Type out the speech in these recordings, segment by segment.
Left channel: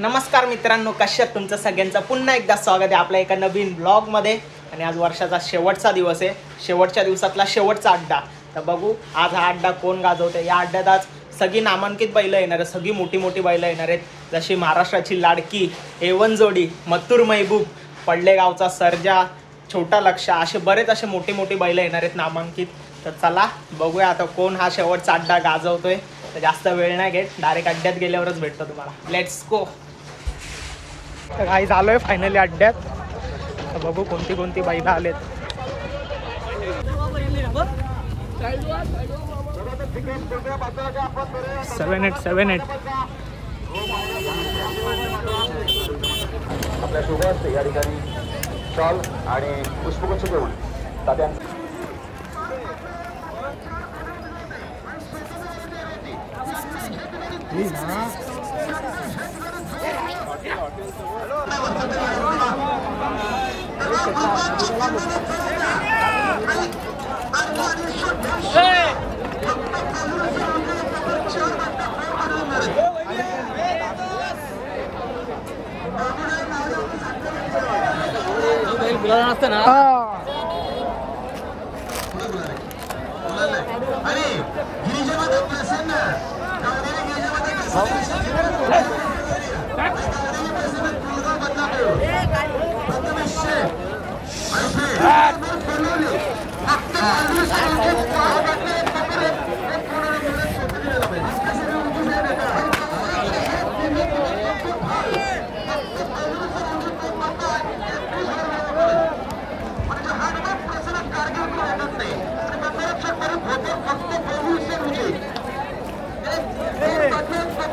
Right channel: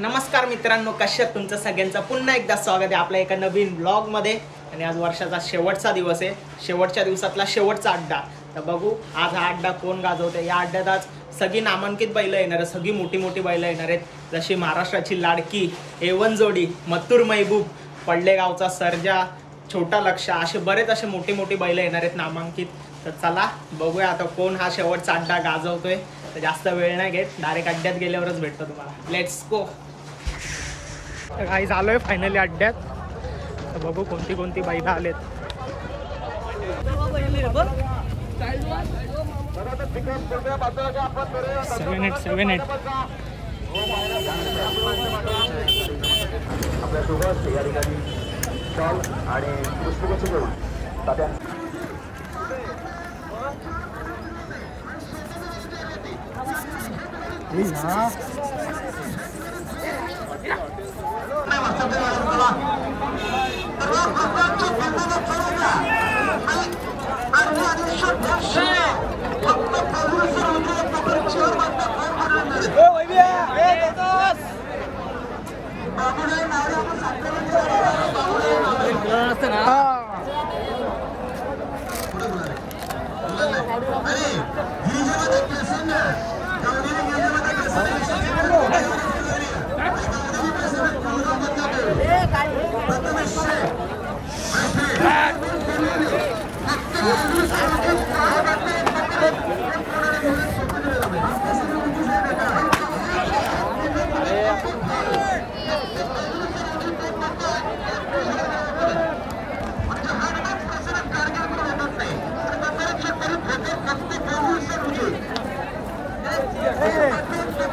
नमस्कार मित्रांनो, कशा आहात? तुमचं सगळ्यांचं पुन्हा एकदा स्वागत आहे आपल्या एका नवीन ब्लॉगमध्ये. आणि आज वर्षाचा शेवटचा दिवस आहे, शेवटच्या दिवसातला शेवटचा अड्डा. तर बघू आज हा अड्डा कोण गाजवते. या अड्ड्यात आज सगळी नामांकित बैलं येणार आहेत, सगळी मोठी मोठी बैलं येणार आहेत. जशी महाराष्ट्राची लाडकी A1 जोडी मत्तूर महबूब, पडलेगावचा सर्जा, छोटा लक्ष, असे बरेच असे मोठी मोठी बैलं येणार आहेत नामांकित. तर चला बघूया आता कोण हा शेवटचा अड्डा गाजवतोय. तर जास्त वेळ नाही घेत, डायरेक्ट अड्ड्यात गेल्यावरच भेटतो तुम्हाला. Let's go. तर काही झालोय फायनली अड्ड्यात. तर बघू कोणती कोणती बैलं आलेत.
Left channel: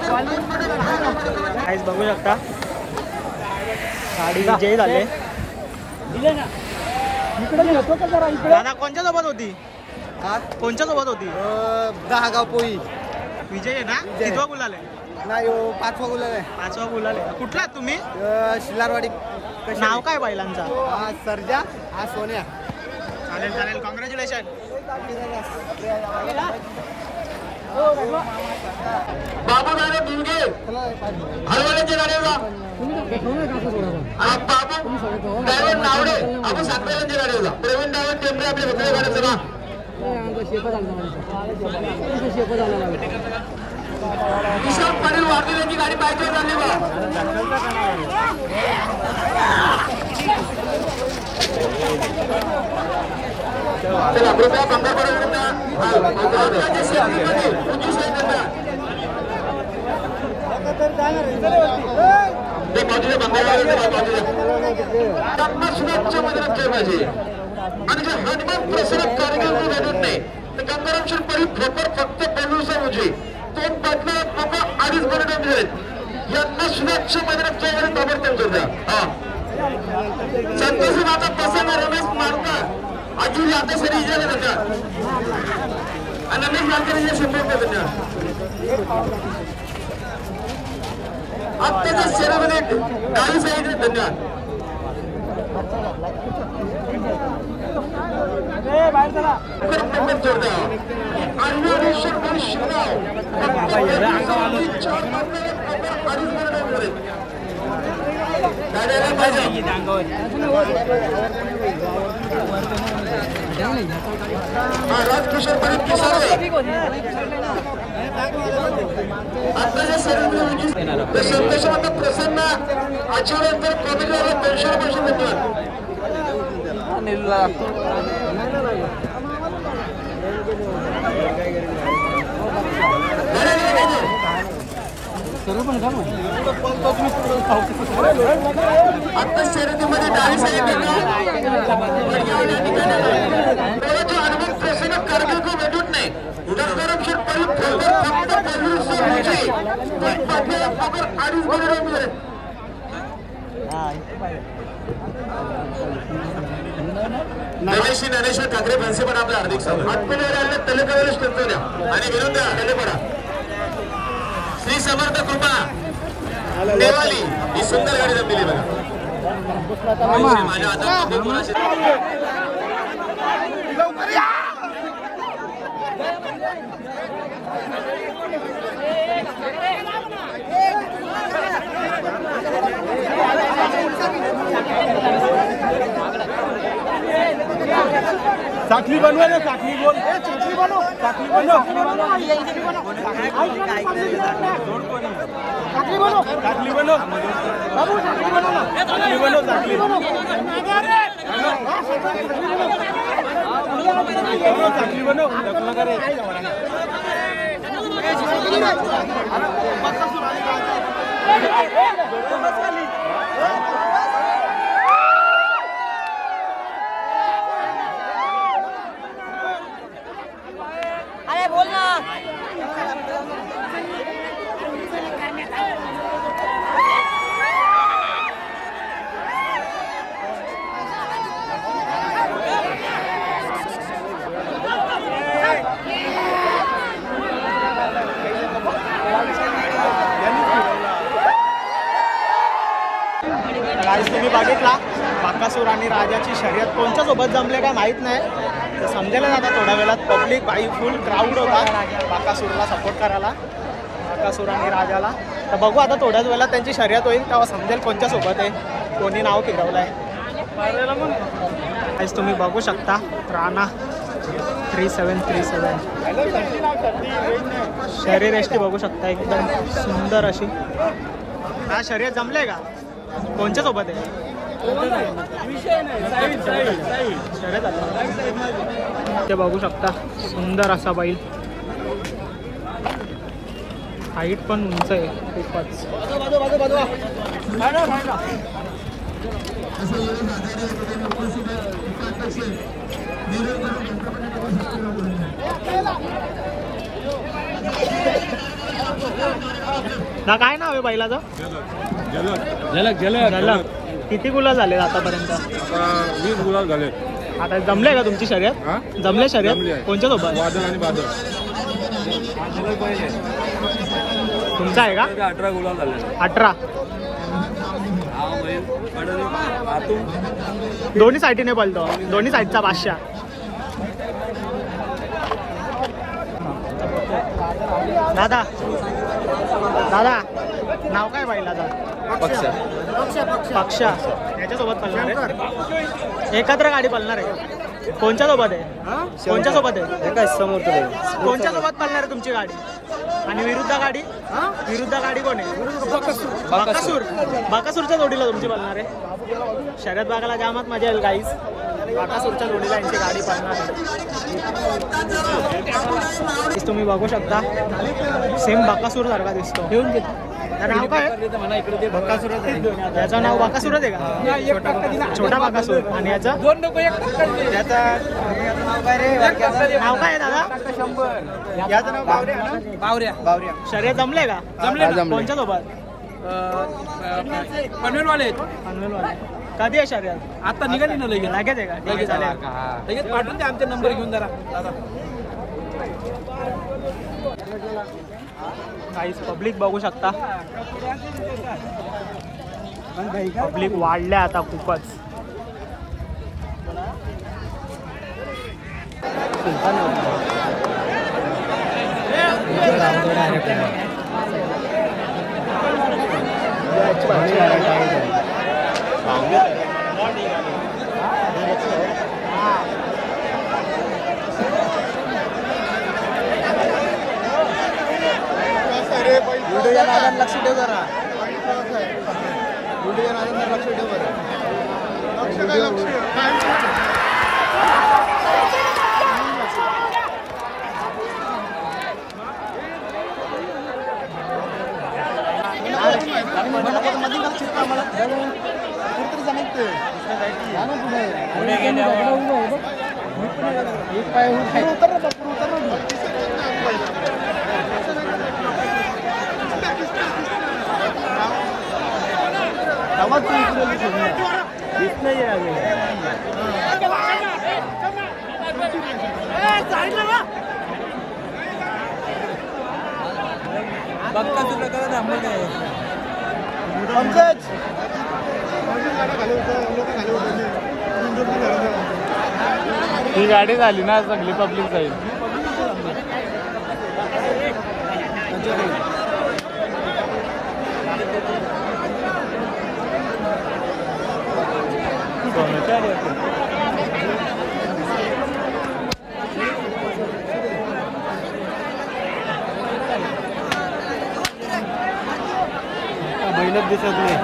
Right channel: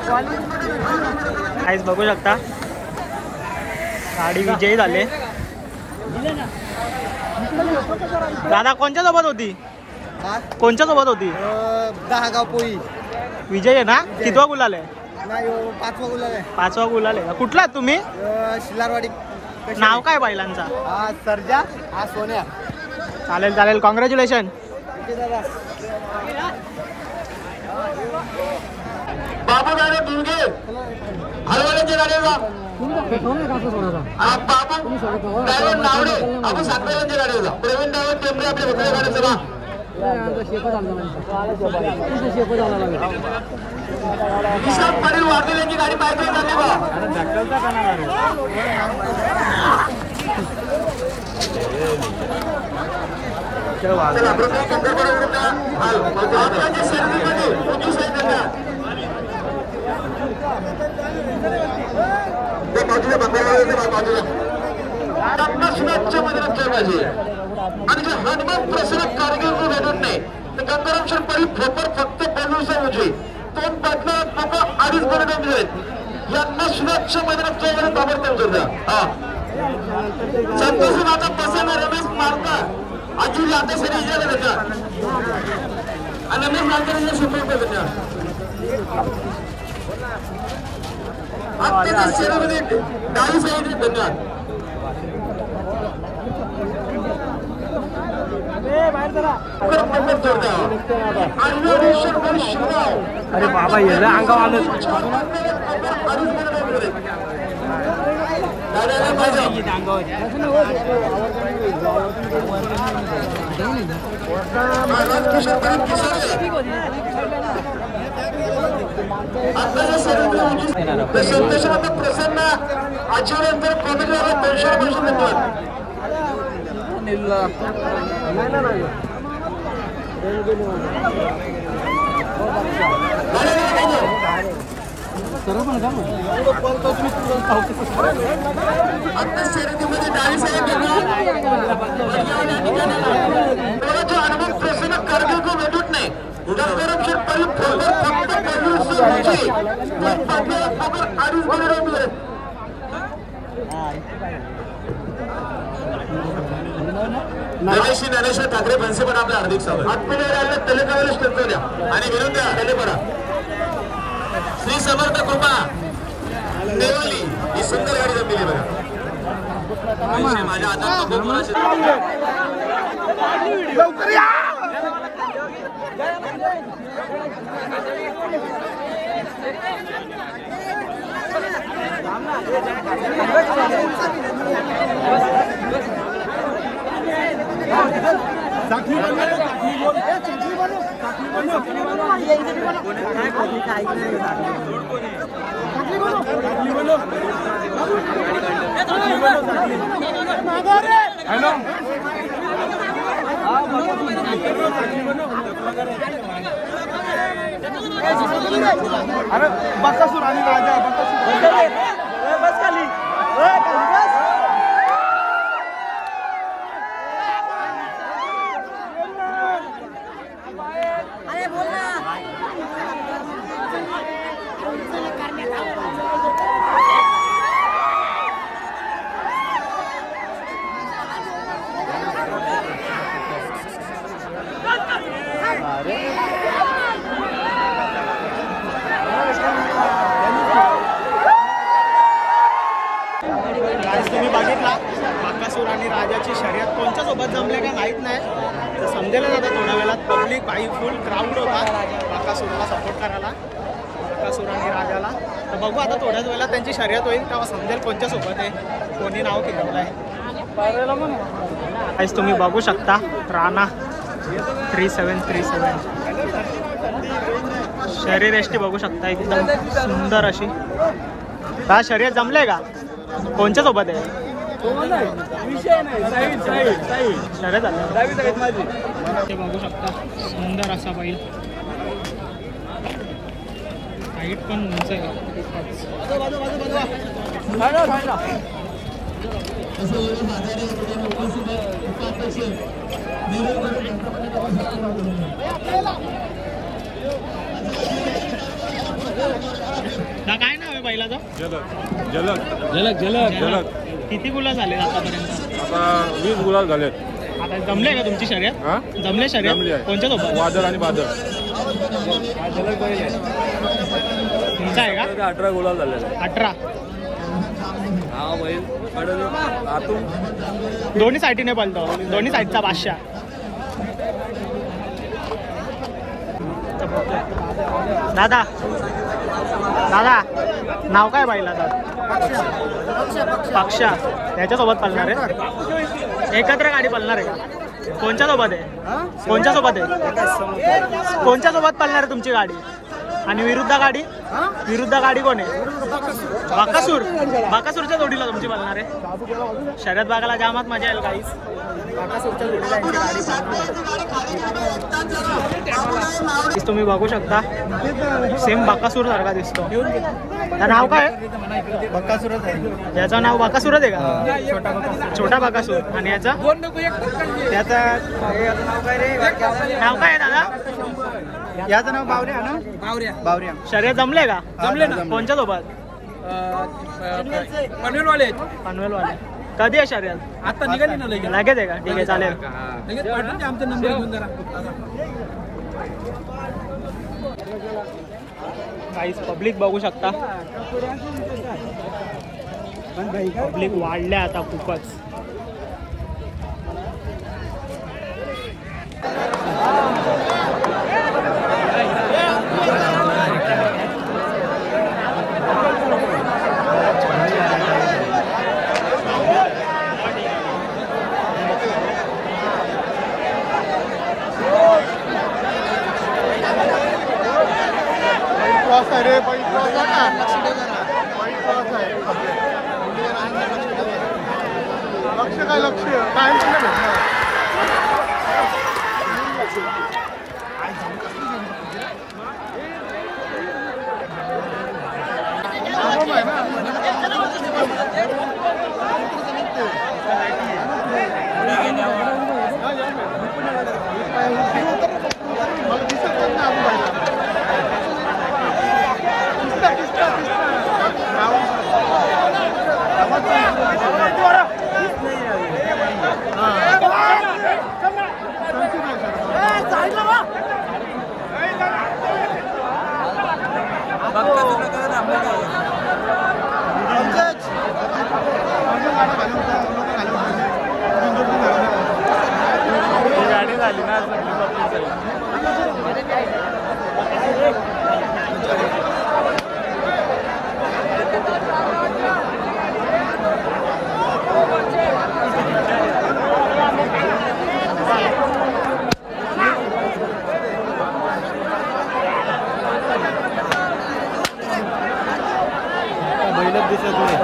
7-8 काहीच बघू शकता गाडी विजयी झाले. दादा कोणच्या सोबत होती? कोणच्या सोबत होती? 10 गाव पोई विजय आहे ना? कितवा गुलाल आहे? नाही 5वा गुलाल आहे. 5वा गुलाल आहे. कुठला तुम्ही? शिलारवाडी. नाव काय बैलांचा? हा सर्जा, हा सोन्या. चालेल चालेल, कॉंग्रॅच्युलेशन. बाबू गाडे दुर्गे हलवण्याची गाडीला बाबू ड्रायव्हर नावडे आपण सातव्याची गाडीला प्रवीण ड्रायव्हर टेंबरे आपल्या मित्र गाडीचं नाव परिवार वारलेल्यांची गाडी पाहिजे यांना सुरक्षा मैदानात ताबडतोब जोर द्या. संतोषीमाचा प्रसन्न रमेश मारता अजून आता सरी इजाला देत्या आणि रमेश मारता संपर्क देत्या. हत्तीच्या शरीराने डावी साईडने धन्यवाद. प्रसन्न आचरणानंतर कॉमेडीला 200 सर्व पण का शर्यतीमध्ये डावी साहेब भेटत नाही. ज्ञानेश्वर ठाकरे बनसे पण आपल्या हार्दिक स्वागत. तेलेप्रवेश करतो द्या आणि विरोध द्या. तेलेपडा श्री समर्थ कृपा नेवाली ही सुंदर गाडी जमलेली बघा. माझ्या हातात चाकली बनवा ना, चाकली बोल, चाकली बनव, चाकली बनव, चाकली बनव, चाकली बनव, चाकली बनव, चाकली अरे बोल ना. गाईस तुम्ही बघितला बाकासूर आणि राजाची शर्यत कोणच्या सोबत जमले काय माहीत नाही, तर समजेल ना आता थोड्या वेळात. पब्लिक बाई फुल क्राऊड होता बाकासूरला सपोर्ट करायला, बाकासूर आणि राजाला. तर बघू आता थोड्याच वेळात त्यांची शर्यत होईल तेव्हा समजेल कोणच्या सोबत आहे, कोणी नाव फिरवलं आहे. गाईस तुम्ही बघू शकता राणा 3737 शरीर एष्टी बघू शकता एकदम सुंदर अशी. हा शर्यत जमले का कोणच्या सोबत आहे शर्यत आल्यावर ते बघू शकता सुंदर असा बैल, हाईट पण उंच आहे खूपच. ना काय नाव आहे बैलाचं? जलक जलक. किती गुलाल झाले आतापर्यंत? आता 20 गुलाल झाले. आता जमले का तुमची शर्यत? जमले शर्यत कोणच्या सोबत? वादळ आणि बादल. तुमचा आहे का? 18 गुलाल झाले. 18. हा बैल आतून दोन्ही साईडने पळतो, दोन्ही साईडचा बादशाह. दादा दादा नाव काय बैलाचं? पक्षा. त्याच्यासोबत पळणार आहे? एकत्र गाडी पळणार आहे का? कोणच्या सोबत आहे? कोणच्या सोबत आहे? कोणच्या सोबत पळणार आहे तुमची गाडी? आणि विरुद्ध गाडी? विरुद्ध गाडी कोण आहे? बाकासूर. बाकासूरच्या जोडीला तुमची पळणार आहे? शर्यत बघायला जामात मजा येईल गाईस. बाकासूरच्या जोडीला यांची गाडी पळणार आहे. तुम्ही बघू शकता सेम बाकासूर सारखा दिसतो. त्या नाव काय? बक्कासुरच आहे. याचं नाव बाकासूरच आहे का? छोटा बाकासूर. आणि याचं नाव काय आहे दादा? याचं नाव बावऱ्या. शर्यत जमले का? जमले ना. कोणच्या सोबत? पनवेलवाले पनवेलवाले. कधी आहे शर्यत? आता निघाली ना लगेच. लगेच आहे का? ठीक आहे चालेल. लगेच पाठवून द्या आमचे नंबर घेऊन जरा. पब्लिक बघू शकता, पब्लिक वाढल्या आता खूपच. लक्ष काय लक्ष काय ही गाडी झाली ना चांगली पब्लिक जाईल. बैलच दिसत नाही.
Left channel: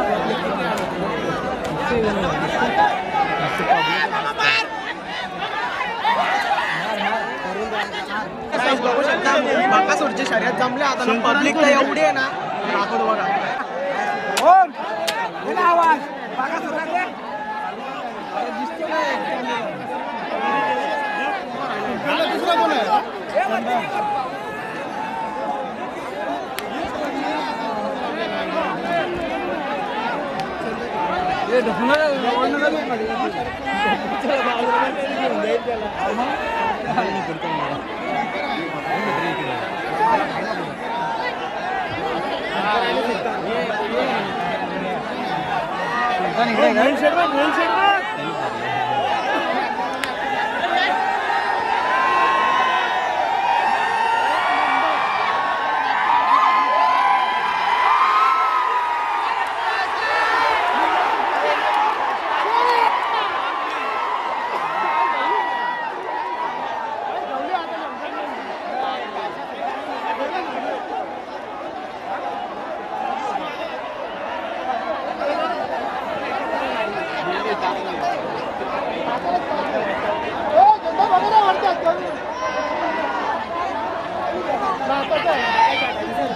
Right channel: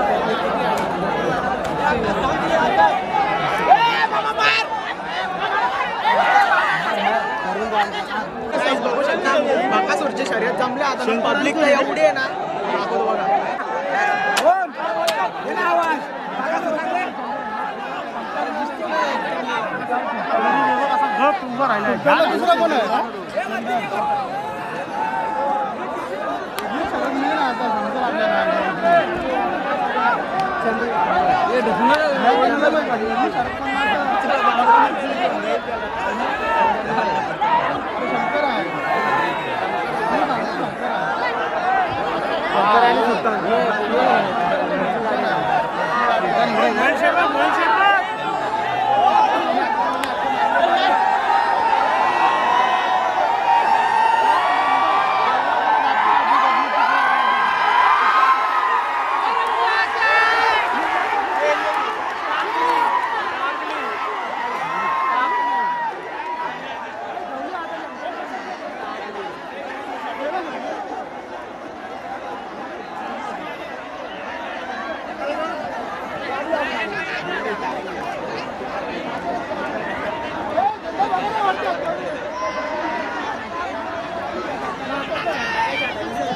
बघू शकता बाकासूरची शर्यत जमले आता पब्लिक तर एवढी आहे ना दाखवतो बघा. दुसरा कोण आहे?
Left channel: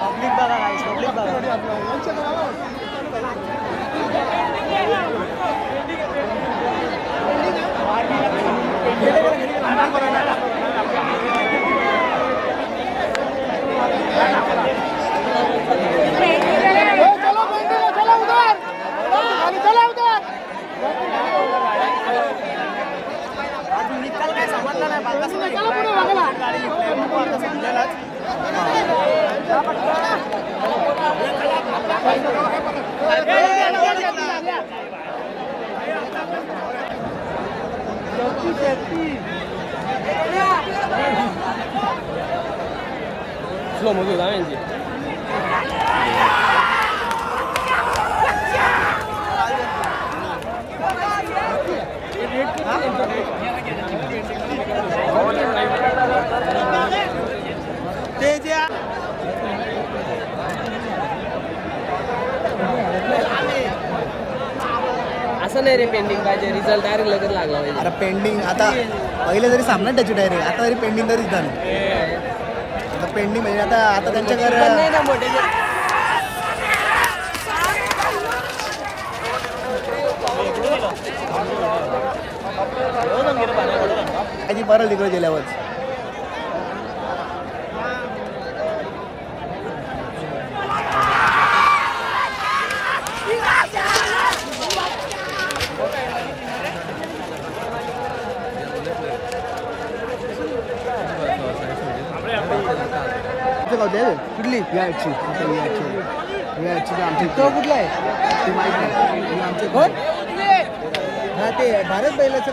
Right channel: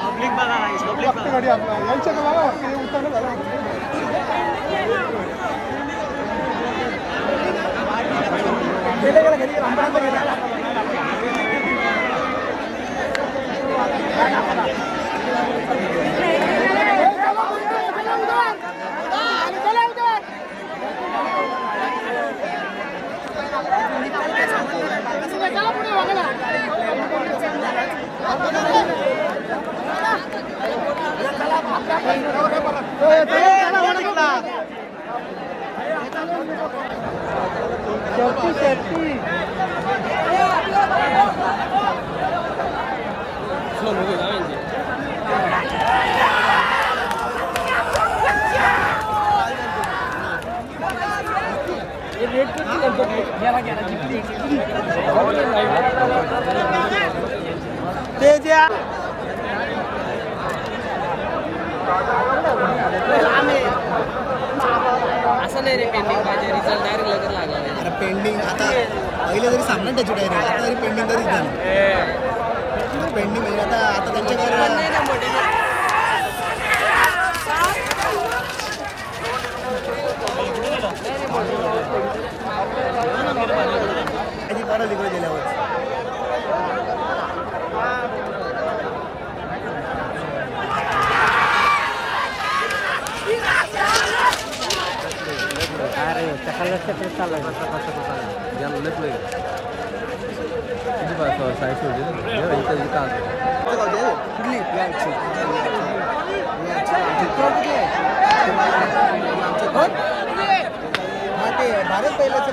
पब्लिक बघा गाईस, पब्लिक बघा. निकाल काय समजलं नाही. बाकासूर गाडी निघलाय बघू आता संध्यालाच. असं नाही रे पेंडिंग पाहिजे रिझल्ट डायरेक्ट लगेच लागला. अरे पेंडिंग आता पहिले जरी सामना त्याची डायरेक्ट आता तरी पेंडिंग तरीच झालं. पेंडिंग म्हणजे आता त्यांच्याकडे बरं तिकडे गेल्यावर कुठली ते भारत बैलाचं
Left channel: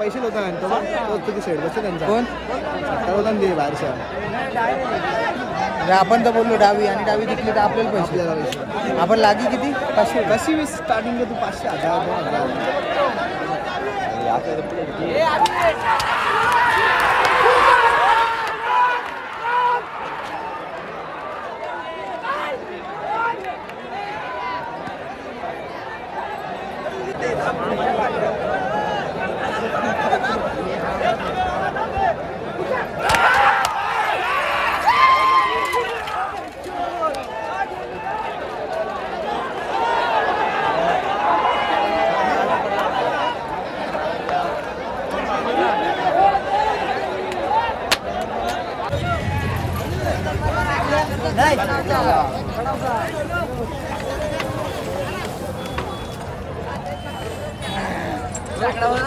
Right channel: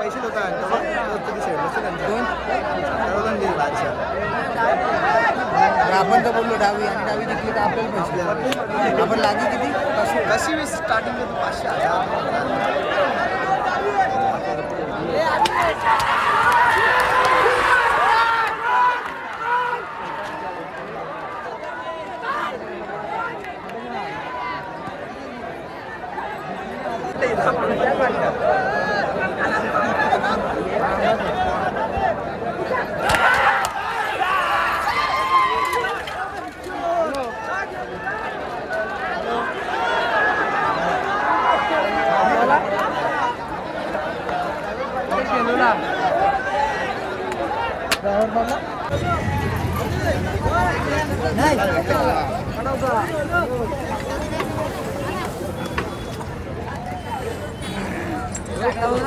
पैसे आपण तर बोललो डावी आणि डावी जिंकली तर आपल्याला पैसे द्यावे. आपण लागी किती 80 स्टार्टिंगला तू 500.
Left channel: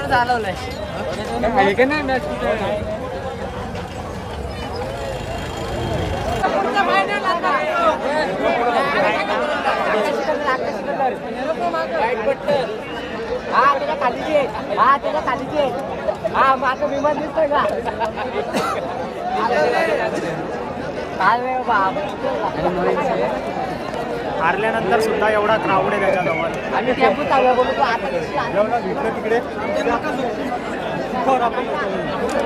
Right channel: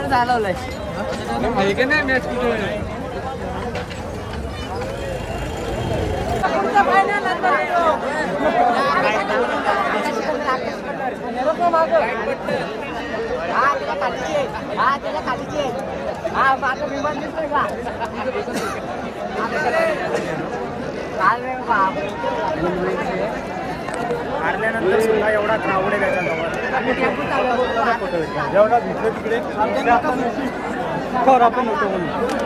चालवलंय खाली हारल्यानंतर सुद्धा एवढा क्राऊड आहे त्याच्याजवळ. तिकडे